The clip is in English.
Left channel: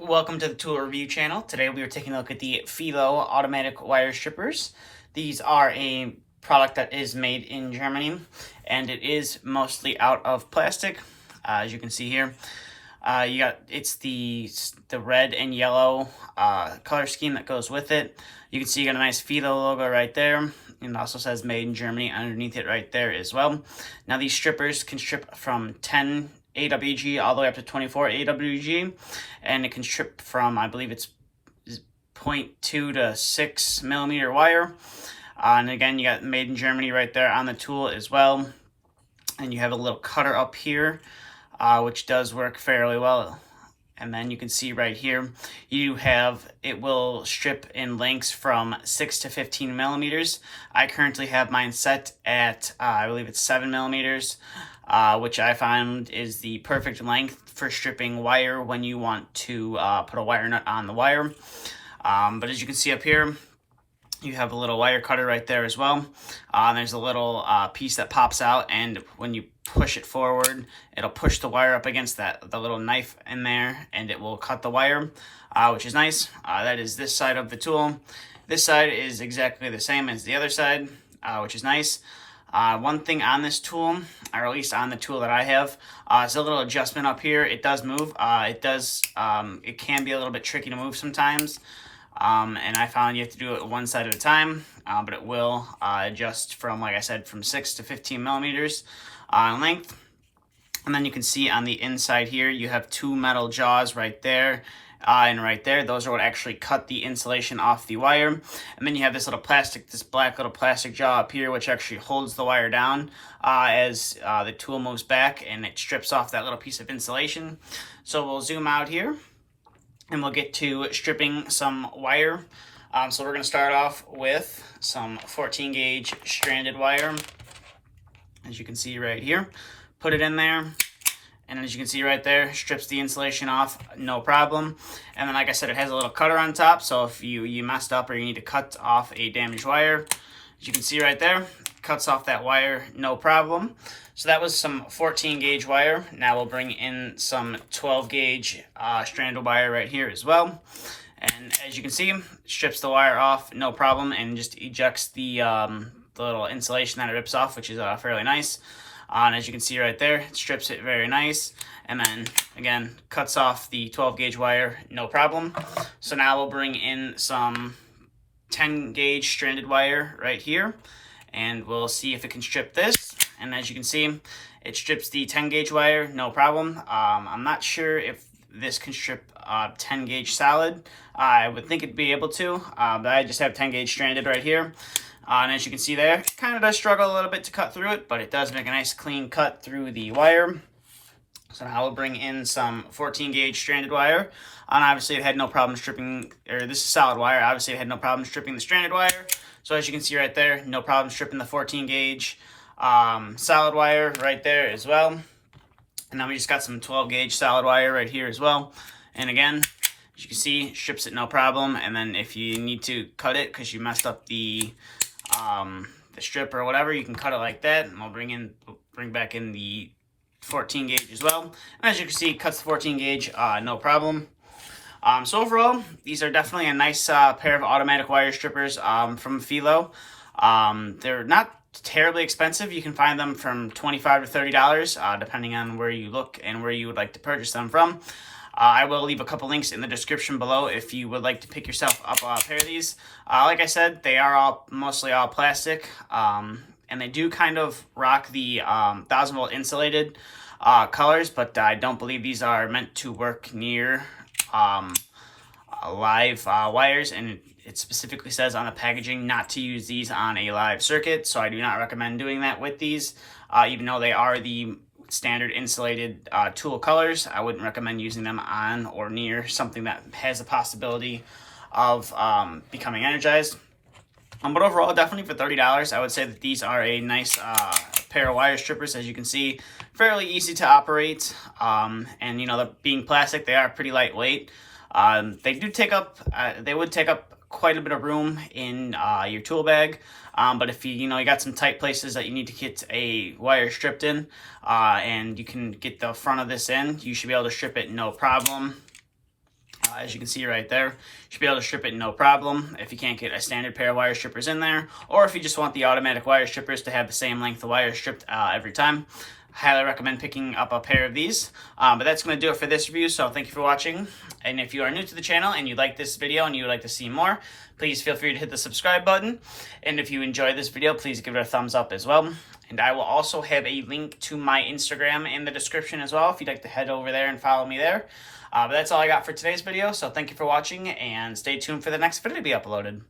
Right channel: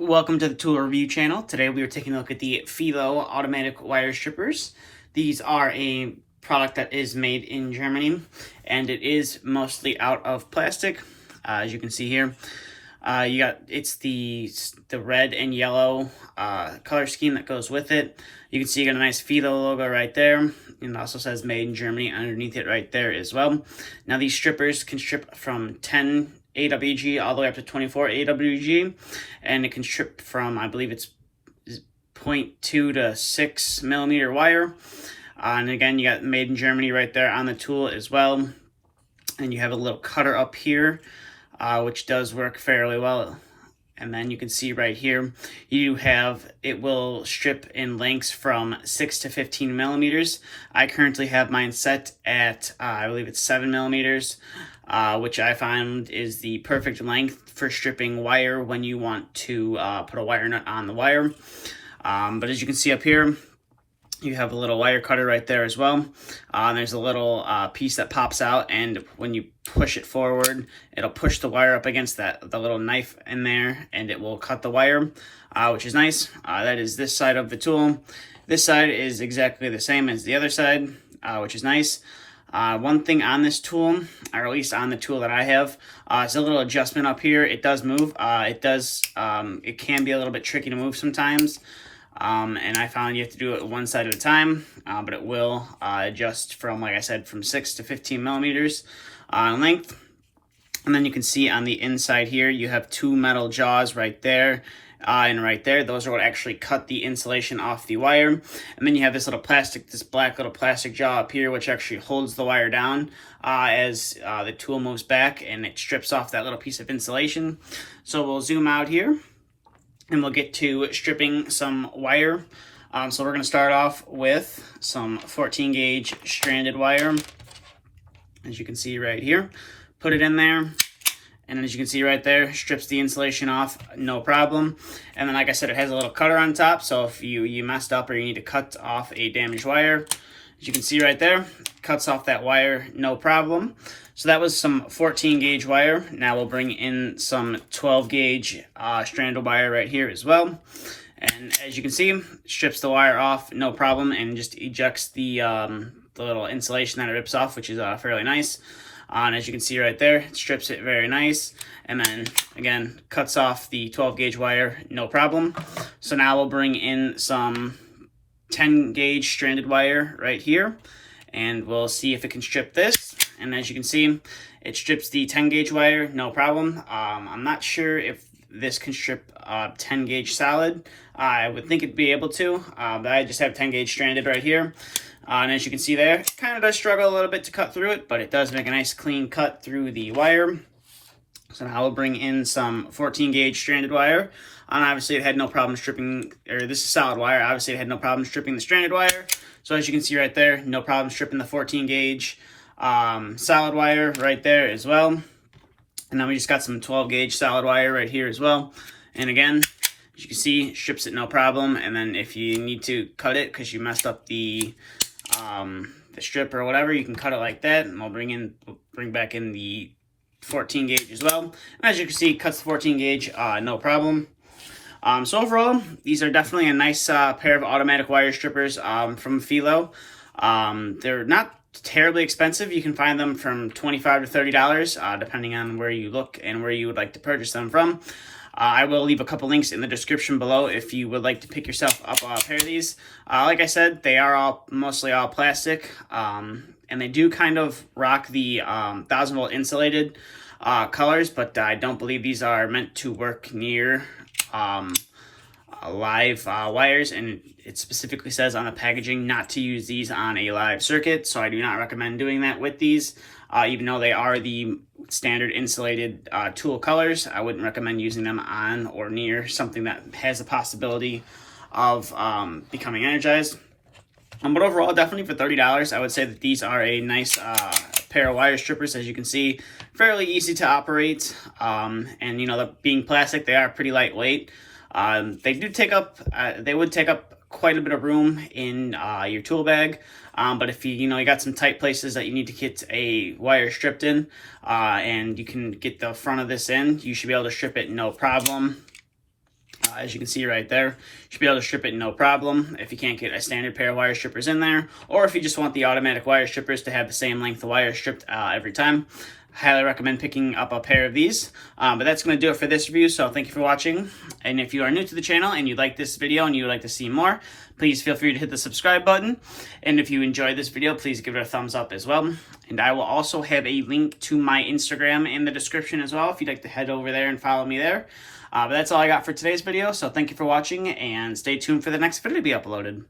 Welcome to the tool review channel. Today we are taking a look at the Felo automatic wire strippers. These are a product that is made in Germany and it is mostly out of plastic. As you can see here, it's the red and yellow color scheme that goes with it. You can see you got a nice Felo logo right there, and it also says made in Germany underneath it right there as well. Now these strippers can strip from 10 AWG all the way up to 24 AWG, and it can strip from, I believe it's 0.2 to 6 millimeter wire. And again, you got made in Germany right there on the tool as well. And you have a little cutter up here, which does work fairly well. And then you can see right here, it will strip in lengths from 6 to 15 millimeters. I currently have mine set at, I believe it's 7 millimeters. Which I found is the perfect length for stripping wire when you want to put a wire nut on the wire. But as you can see up here, you have a little wire cutter right there as well. There's a little piece that pops out, and when you push it forward, it'll push the wire up against the little knife in there, and it will cut the wire, which is nice. That is this side of the tool. This side is exactly the same as the other side, which is nice. One thing on this tool, or at least on the tool that I have, is a little adjustment up here. It does move. It can be a little bit tricky to move sometimes. And I found you have to do it one side at a time, but it will adjust from, like I said, from 6 to 15 millimeters in length. And then you can see on the inside here, you have two metal jaws right there. And right there, those are what actually cut the insulation off the wire. And then you have this black little plastic jaw up here, which actually holds the wire down as the tool moves back, and it strips off that little piece of insulation. So we'll zoom out here, and we'll get to stripping some wire. So we're going to start off with some 14 gauge stranded wire, as you can see right here. Put it in there. And as you can see right there, strips the insulation off, no problem. And then, like I said, it has a little cutter on top, so if you messed up or you need to cut off a damaged wire, as you can see right there, cuts off that wire, no problem. So that was some 14 gauge wire. Now we'll bring in some 12 gauge stranded wire right here as well. And as you can see, strips the wire off, no problem, and just ejects the little insulation that it rips off, which is fairly nice. And as you can see right there, it strips it very nice. And then, again, cuts off the 12 gauge wire, no problem. So now we'll bring in some 10 gauge stranded wire right here. And we'll see if it can strip this. And as you can see, it strips the 10 gauge wire, no problem. I'm not sure if this can strip 10 gauge solid. I would think it'd be able to, but I just have 10 gauge stranded right here. And as you can see there, it kind of does struggle a little bit to cut through it, but it does make a nice clean cut through the wire. So now we'll bring in some 14 gauge stranded wire. And obviously it had no problem stripping, or this is solid wire, obviously it had no problem stripping the stranded wire. So as you can see right there, no problem stripping the 14 gauge solid wire right there as well. And then we just got some 12 gauge solid wire right here as well. And again, as you can see, strips it no problem. And then if you need to cut it because you messed up the strip or whatever, you can cut it like that, and we'll bring back in the 14 gauge as well. And as you can see, it cuts the 14 gauge, no problem. So overall, these are definitely a nice pair of automatic wire strippers from Felo. They're not terribly expensive. You can find them from $25 to $30, depending on where you look and where you would like to purchase them from. I will leave a couple links in the description below if you would like to pick yourself up a pair of these. Like I said, they are mostly all plastic, and they do kind of rock the 1000-volt insulated colors, but I don't believe these are meant to work near live wires, and it specifically says on the packaging not to use these on a live circuit, so I do not recommend doing that with these. Even though they are the standard insulated tool colors, I wouldn't recommend using them on or near something that has the possibility of becoming energized. But overall, definitely for $30, I would say that these are a nice pair of wire strippers. As you can see, fairly easy to operate, and you know, being plastic, they are pretty lightweight. They would take up quite a bit of room in your tool bag. But if you got some tight places that you need to get a wire stripped in, and you can get the front of this in, you should be able to strip it no problem. As you can see right there, you should be able to strip it no problem if you can't get a standard pair of wire strippers in there, or if you just want the automatic wire strippers to have the same length of wire stripped every time. Highly recommend picking up a pair of these. But that's going to do it for this review, so thank you for watching. And if you are new to the channel and you like this video and you would like to see more, please feel free to hit the subscribe button. And if you enjoyed this video, please give it a thumbs up as well. And I will also have a link to my Instagram in the description as well if you'd like to head over there and follow me there. But that's all I got for today's video, so thank you for watching and stay tuned for the next video to be uploaded.